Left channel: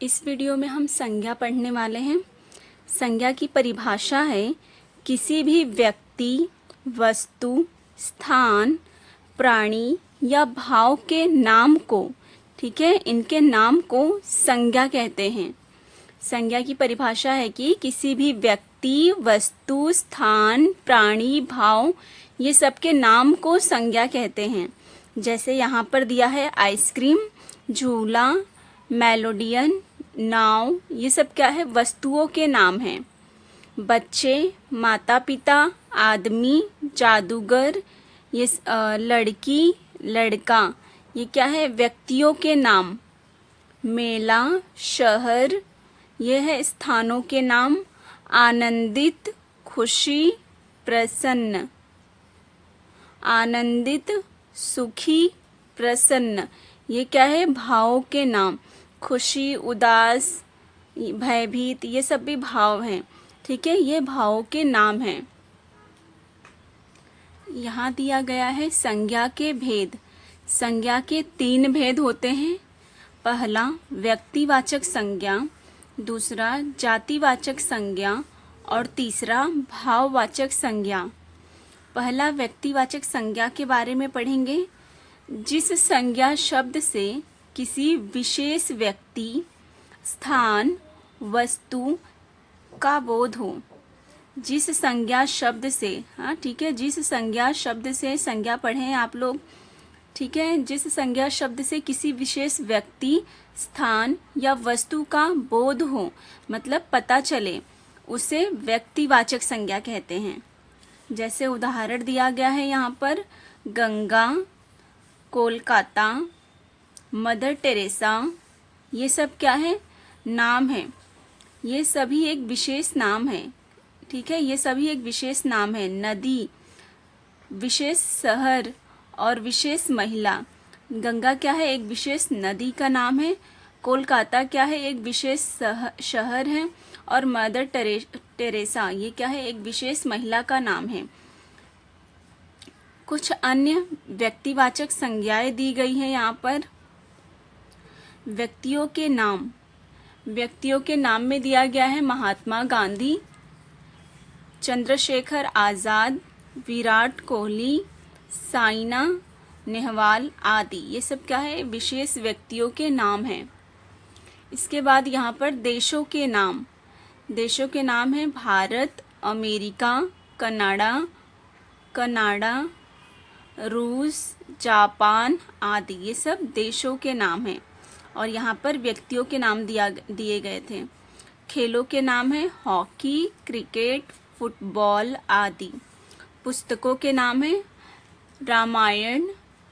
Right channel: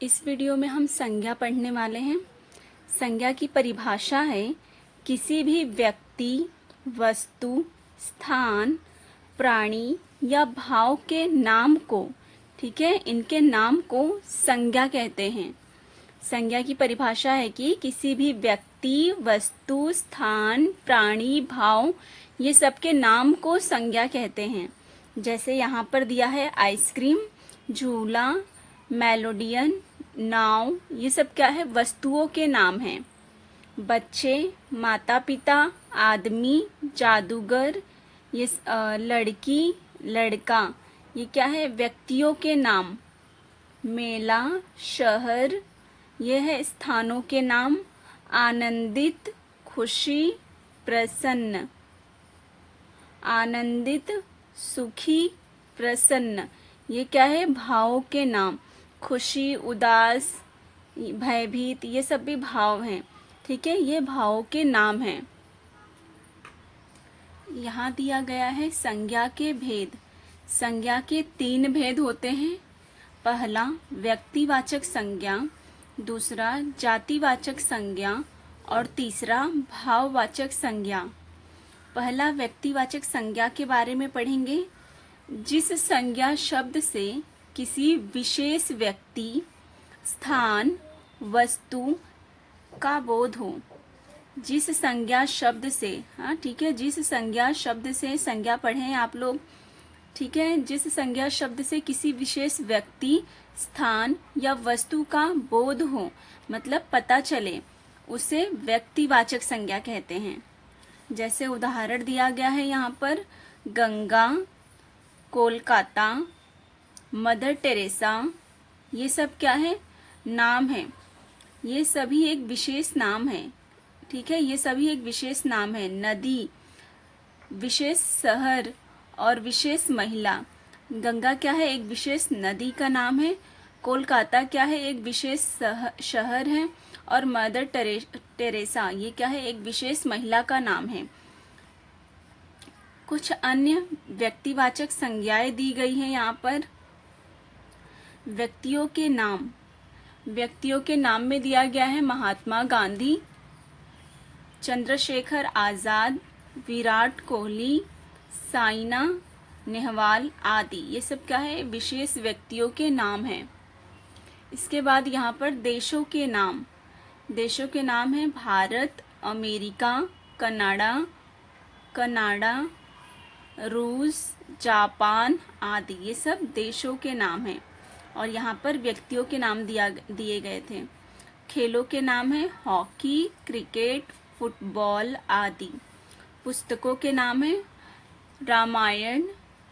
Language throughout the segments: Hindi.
इस वीडियो में हम संज्ञा पढ़ने वाले हैं। संज्ञा की परिभाषा है किसी भी व्यक्ति, वस्तु, स्थान, प्राणी या भाव के नाम को, ठीक है, इनके नाम को संज्ञा कहते हैं। संज्ञा की परिभाषा है कि किसी भी व्यक्ति, वस्तु, स्थान, प्राणी, भाव, ये सब के नाम को संज्ञा कहते हैं। जैसे यहाँ पर दिया है आइसक्रीम, झूला, मेलोडियन, नाव, ये सब क्या है, वस्तुओं के नाम हैं। बच्चे, माता पिता, आदमी, जादूगर, ये लड़की, लड़का, ये क्या है, व्यक्तियों के नाम। मेला, शहर, ये है स्थानों के नाम। आनंदित, खुशी, प्रसन्न। आनंदित, सुखी, प्रसन्न, ये क्या है, भावों के नाम। खुशी, उदास, भयभीत, ये सब भी भाव हैं, ठीक है, ये भावों के नाम हैं। यहाँ दिया गया है संज्ञा के भेद। संज्ञा के 3 भेद होते हैं। पहला व्यक्तिवाचक संज्ञा, दूसरा जातिवाचक संज्ञा और तीसरा भाववाचक संज्ञा। पहला व्यक्तिवाचक संज्ञा के बारे में पढ़ेंगे। जिस संज्ञा शब्द से किसी विशेष व्यक्ति, स्थान, वस्तु का बोध हो। जिस संज्ञा शब्द से, हाँ ठीक है, जिस संज्ञा शब्द से, संज्ञा पढ़ें आप लोग, ठीक है, जिस संज्ञा शब्द से किसी विशेष व्यक्ति, स्थान या वस्तु का बोध हो, मतलब पता चले, उसे व्यक्तिवाचक संज्ञा कहते हैं। जैसे उदाहरण दिया गया है यहाँ पर, गंगा, कोलकाता, मदर टेरेसा, ये सब क्या है, नाम है। ये सभी एक विशेष नाम है, ठीक है, ये सभी एक विशेष नाम है। नदी, विशेष शहर और विशेष महिला। गंगा क्या है, एक विशेष नदी का नाम है। कोलकाता क्या है, एक विशेष शहर है। और मदर टेरेसा, ये क्या है, एक विशेष महिला का नाम है। कुछ अन्य व्यक्तिवाचक संज्ञाएं दी गई हैं यहाँ पर। व्यक्तियों के नाम, व्यक्तियों के नाम में दिया गया है महात्मा गांधी, चंद्रशेखर आजाद, विराट कोहली, साइना नेहवाल आदि। ये सब क्या है, विशेष व्यक्तियों के नाम हैं। इसके बाद यहाँ पर देशों के नाम। देशों के नाम हैं भारत, अमेरिका, कनाडा, रूस, जापान आदि। ये सब देशों के नाम हैं। और यहाँ पर व्यक्तियों के नाम दिए गए थे। खेलों के नाम है हॉकी, क्रिकेट, फुटबॉल आदि। पुस्तकों के नाम है रामायण,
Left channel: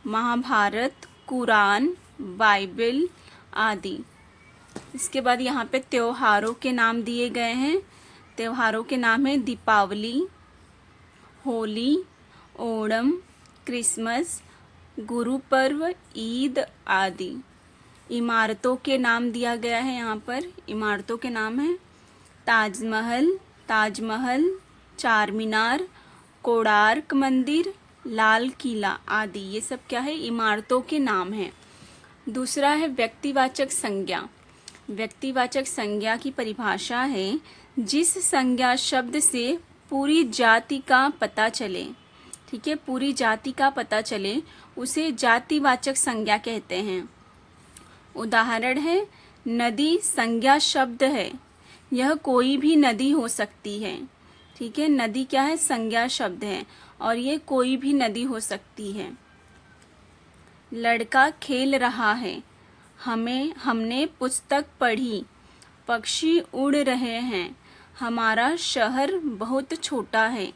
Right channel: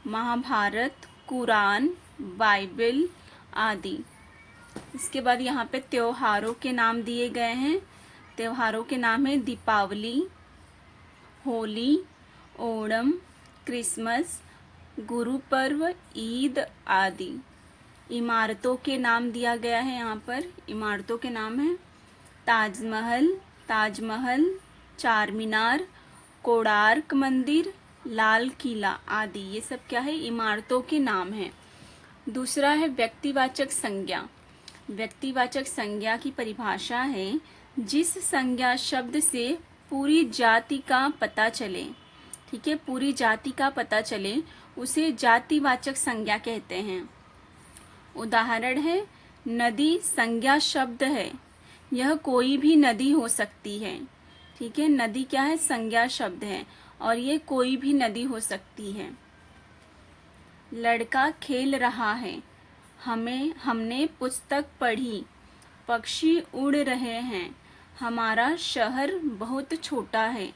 महाभारत, कुरान, बाइबल आदि। इसके बाद यहाँ पे त्योहारों के नाम दिए गए हैं। त्योहारों के नाम है दीपावली, होली, ओणम, क्रिसमस, गुरु पर्व, ईद आदि। इमारतों के नाम दिया गया है यहाँ पर। इमारतों के नाम है ताजमहल, चार मीनार, कोणार्क मंदिर, लाल किला आदि। ये सब क्या है, इमारतों के नाम हैं। दूसरा है व्यक्तिवाचक संज्ञा। व्यक्तिवाचक संज्ञा की परिभाषा है जिस संज्ञा शब्द से पूरी जाति का पता चले, ठीक है, पूरी जाति का पता चले, उसे जातिवाचक संज्ञा कहते हैं। उदाहरण है, नदी संज्ञा शब्द है, यह कोई भी नदी हो सकती है, ठीक है, नदी क्या है, संज्ञा शब्द है और ये कोई भी नदी हो सकती है। लड़का खेल रहा है, हमने पुस्तक पढ़ी, पक्षी उड़ रहे हैं, हमारा शहर बहुत छोटा है।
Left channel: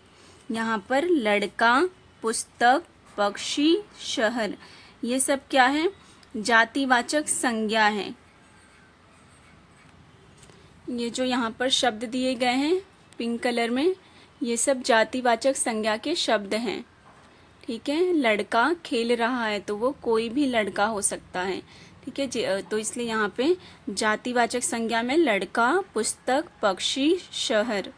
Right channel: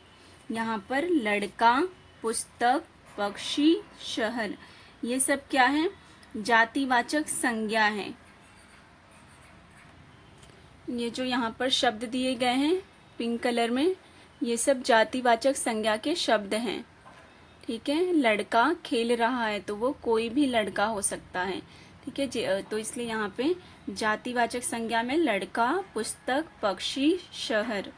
यहाँ पर लड़का, पुस्तक, पक्षी, शहर, ये सब क्या है, जातिवाचक संज्ञा है। ये जो यहाँ पर शब्द दिए गए हैं पिंक कलर में, ये सब जातिवाचक संज्ञा के शब्द हैं, ठीक है। लड़का खेल रहा है तो वो कोई भी लड़का हो सकता है, ठीक है, तो इसलिए यहाँ पे जातिवाचक संज्ञा में लड़का, पुस्तक, पक्षी, शहर।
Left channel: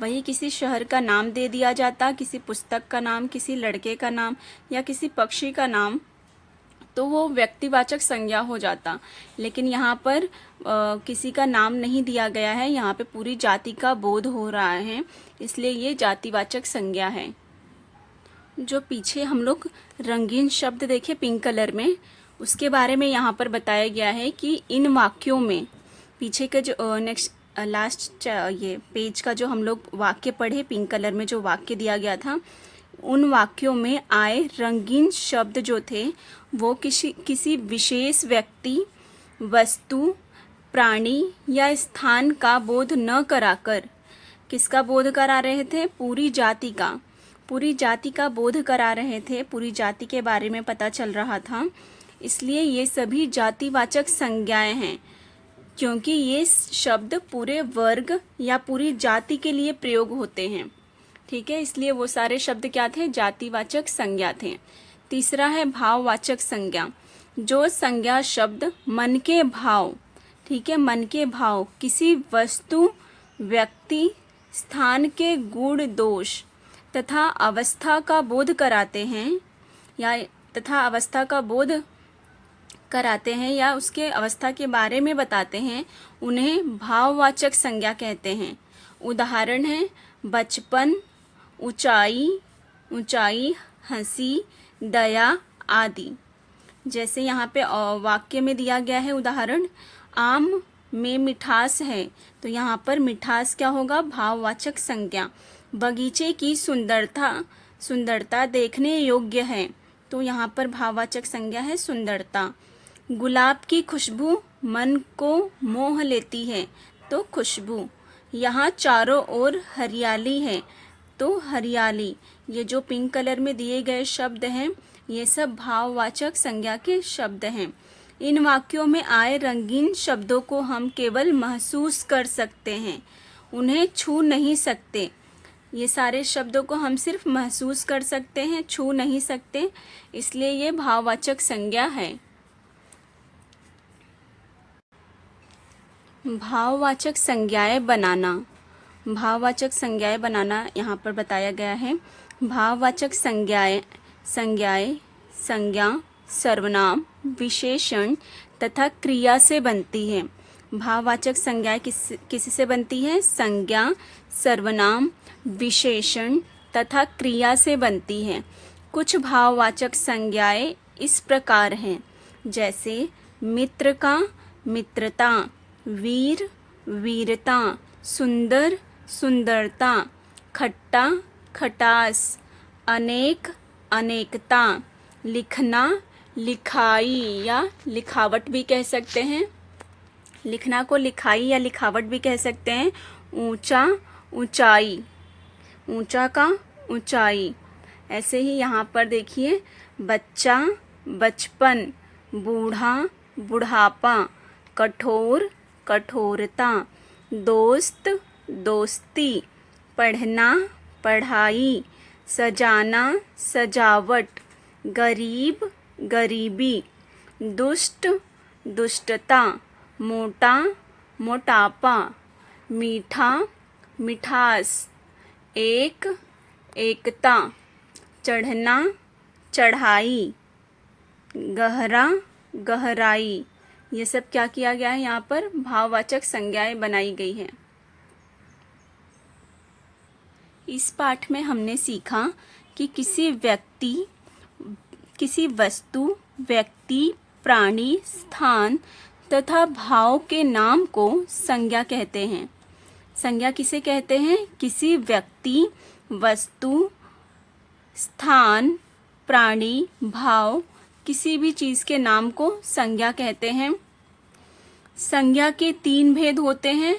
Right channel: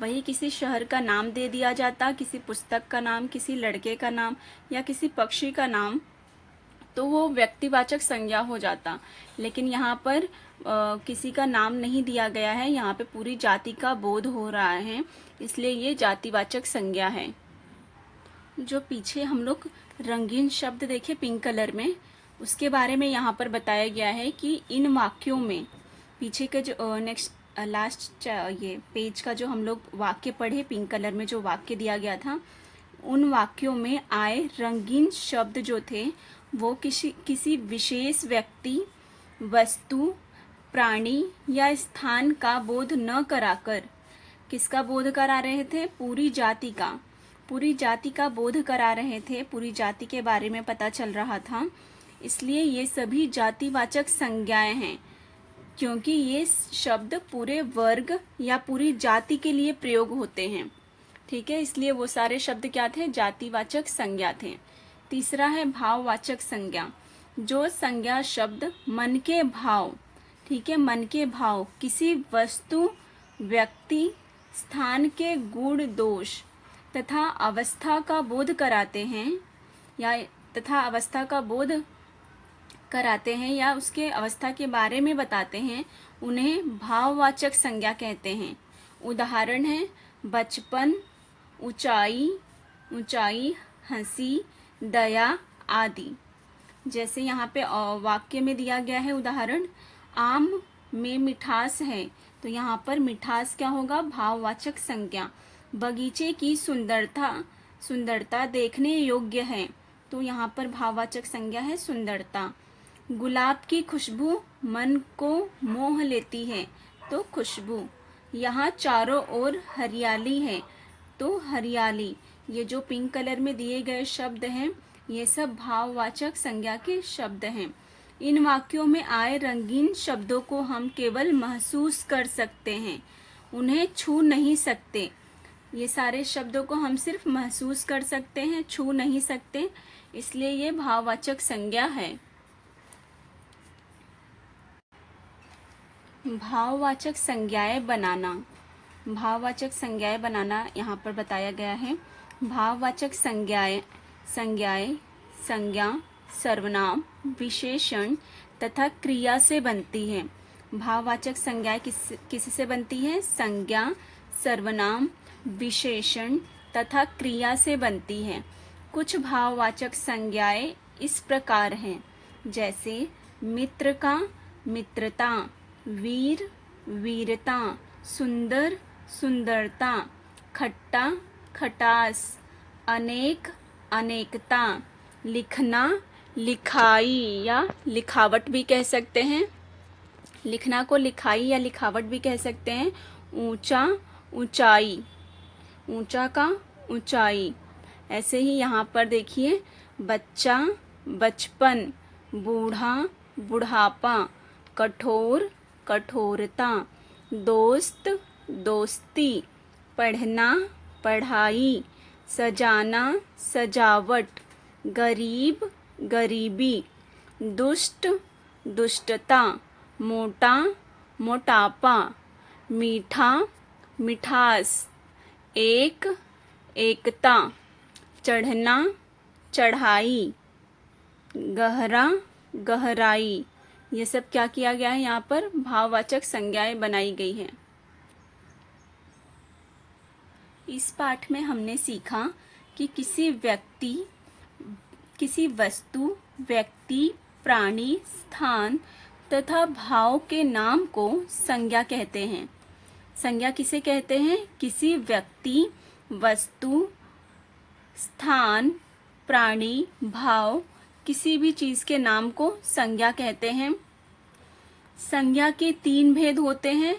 वही किसी शहर का नाम दे दिया जाता, किसी पुस्तक का नाम, किसी लड़के का नाम या किसी पक्षी का नाम, तो वो व्यक्तिवाचक संज्ञा हो जाता। लेकिन यहाँ पर किसी का नाम नहीं दिया गया है, यहाँ पे पूरी जाति का बोध हो रहा है, इसलिए ये जातिवाचक संज्ञा है। जो पीछे हम लोग रंगीन शब्द देखे पिंक कलर में, उसके बारे में यहाँ पर बताया गया है कि इन वाक्यों में, पीछे के जो नेक्स्ट लास्ट ये पेज का जो हम लोग वाक्य पढ़े, पिंक कलर में जो वाक्य दिया गया था, उन वाक्यों में आए रंगीन शब्द जो थे वो किसी विशेष व्यक्ति, वस्तु, प्राणी या स्थान का बोध न कराकर किसका बोध करा रहे थे? पूरी जाति का बोध करा रहे थे, पूरी जाति के बारे में पता चल रहा था। इसलिए ये सभी जातिवाचक संज्ञाएं हैं, क्योंकि ये शब्द पूरे वर्ग या पूरी जाति के लिए प्रयोग होते हैं। ठीक है, इसलिए वो सारे शब्द क्या थे? जातिवाचक संज्ञा थे। तीसरा है भाववाचक संज्ञा। जो संज्ञा शब्द मन के भाव, ठीक है, मन के भाव किसी वस्तु, व्यक्ति, स्थान के गुण दोष तथा अवस्था का बोध कराते हैं या उसके अवस्था के बारे में बताते हैं, उन्हें भाववाचक संज्ञा कहते हैं। उदाहरण है बचपन, ऊंचाई, हंसी, दया आदि। जैसे यहाँ पे वाक्य में दिया गया है उदाहरण, आम में मिठास है, तो यहाँ पर मिठास क्या होगा? भाववाचक संज्ञा। बगीचे की सुंदरता देखने योग्य है, तो यहाँ पर भाववाचक संज्ञा है सुंदरता। गुलाब की खुशबू मन को मोह लेती है, तो खुशबू। यहाँ चारों ओर हरियाली है, तो हरियाली। ये जो पिंक कलर में दिए गए शब्द हैं, ये सब भाववाचक संज्ञा के शब्द हैं। इन वाक्यों में आए रंगीन शब्दों को हम केवल महसूस कर सकते हैं, उन्हें छू नहीं सकते। ये सारे शब्दों को हम सिर्फ महसूस कर सकते हैं, छू नहीं सकते, इसलिए ये भाववाचक संज्ञा है। भाववाचक संज्ञाएं बनाना। यहाँ पर बताया गया है। भाववाचक संज्ञा सर्वनाम, विशेषण तथा क्रिया से बनती है। भाववाचक संज्ञाएं किससे बनती है? संज्ञा, सर्वनाम, विशेषण तथा क्रिया से बनती है। कुछ भाववाचक संज्ञाएं इस प्रकार हैं, जैसे मित्र का मित्रता, वीर वीरता, सुंदर सुंदरता, खट्टा खटास, अनेक अनेकता, लिखना लिखाई या लिखावट भी कह सकते हैं। लिखना को लिखाई या लिखावट भी कह सकते हैं। ऊंचा ऊंचाई, ऊंचा का ऊंचाई। ऐसे ही यहाँ पर देखिए, बच्चा बचपन, बूढ़ा बुढ़ापा, कठोर कठोरता, दोस्त दोस्ती, पढ़ना पढ़ाई, सजाना सजावट, गरीब गरीबी, दुष्ट दुष्टता, मोटा मोटापा, मीठा मिठास, एक एकता, चढ़ना चढ़ाई, गहरा गहराई। ये सब क्या किया गया है? यहाँ पर भाववाचक संज्ञाएं बनाई गई है। इस पाठ में हमने सीखा कि किसी वस्तु, व्यक्ति, प्राणी, स्थान तथा भाव के नाम को संज्ञा कहते हैं। संज्ञा किसे कहते हैं? किसी व्यक्ति, वस्तु, स्थान, प्राणी, भाव, किसी भी चीज के नाम को संज्ञा कहते हैं। संज्ञा के 3 भेद होते हैं,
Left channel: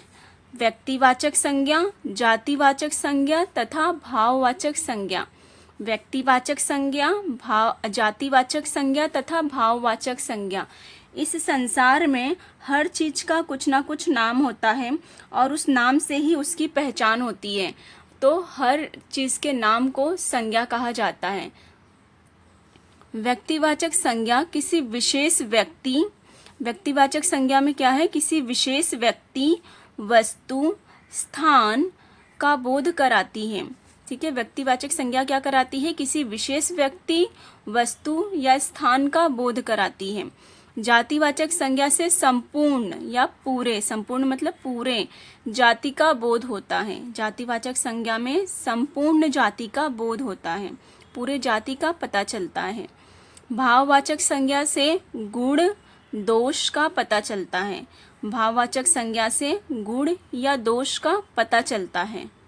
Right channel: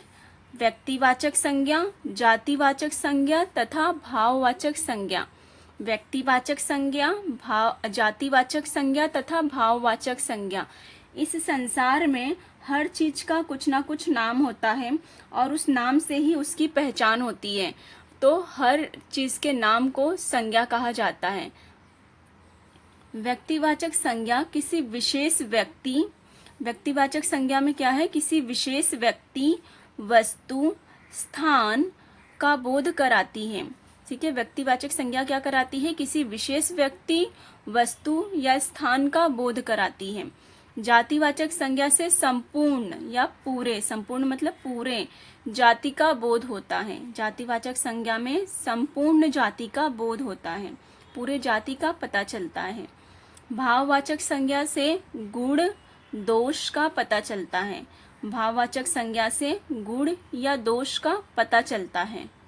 व्यक्तिवाचक संज्ञा, जातिवाचक संज्ञा तथा भाववाचक संज्ञा। व्यक्तिवाचक संज्ञा, जातिवाचक संज्ञा तथा भाववाचक संज्ञा। इस संसार में हर चीज का कुछ ना कुछ नाम होता है और उस नाम से ही उसकी पहचान होती है, तो हर चीज के नाम को संज्ञा कहा जाता है। व्यक्तिवाचक संज्ञा किसी विशेष व्यक्ति, व्यक्तिवाचक संज्ञा में क्या है? किसी विशेष व्यक्ति, वस्तु, स्थान का बोध कराती है। ठीक है, व्यक्तिवाचक संज्ञा क्या कराती है? किसी विशेष व्यक्ति, वस्तु या स्थान का बोध कराती है। जातिवाचक संज्ञा से संपूर्ण या पूरे, संपूर्ण मतलब पूरे जाति का बोध होता है। जातिवाचक संज्ञा में संपूर्ण जाति का बोध होता है, पूरे जाति का पता चलता है। भाववाचक संज्ञा से गुण दोष का पता चलता है। भाववाचक संज्ञा से गुण या दोष का पता चलता है।